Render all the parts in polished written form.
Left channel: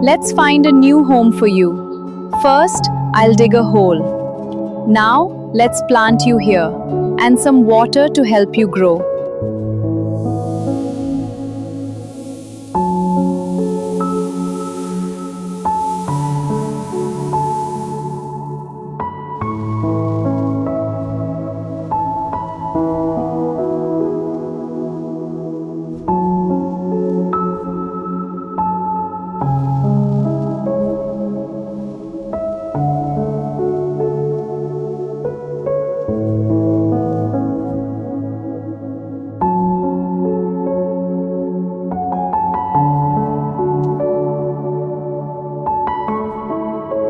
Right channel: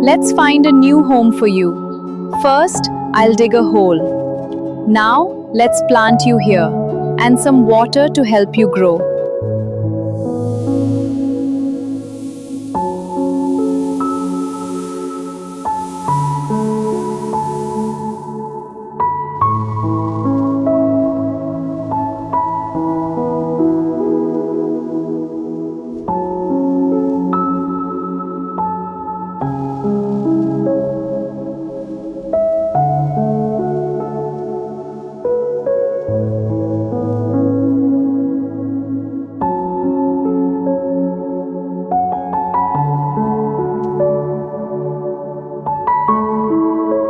Let's find a new home for you. First, I'll dig a hole. Now, let's plant you here and some water to help you grow.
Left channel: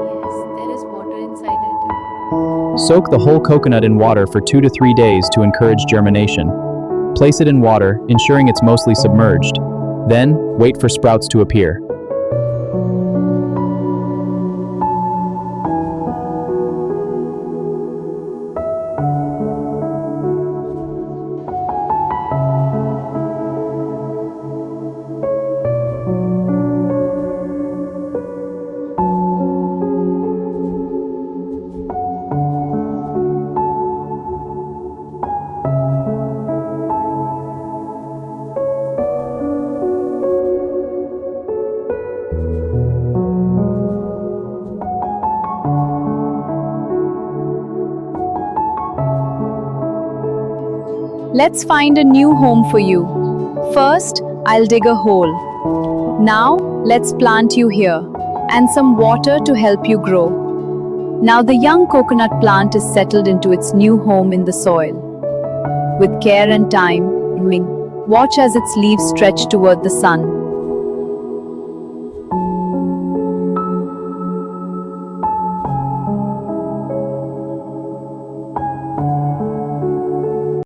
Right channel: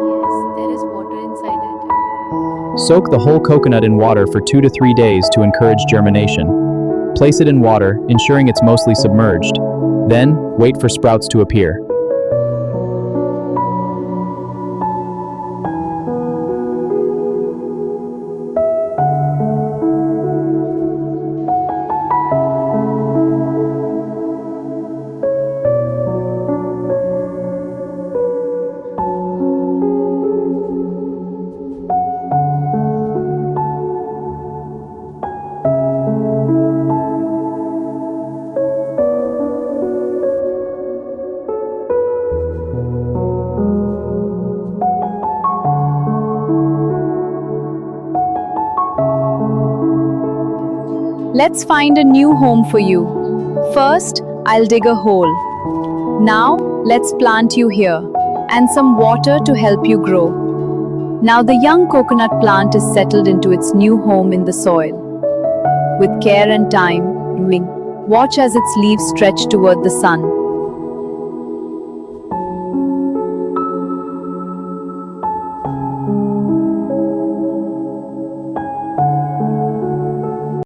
Yes, there is water inside it. Soak the whole coconut in water for 2 to 3 days to encourage germination. Place it in water, ensuring it's mostly submerged. Then, wait for sprouts to appear. Let's find a new home for you. First, I'll dig a hole. Now, let's plant you here and some water to help you grow. Now, the young coconut plant is settled into its new home in the soil. With care and time, watch as its leaves stretch toward the sun.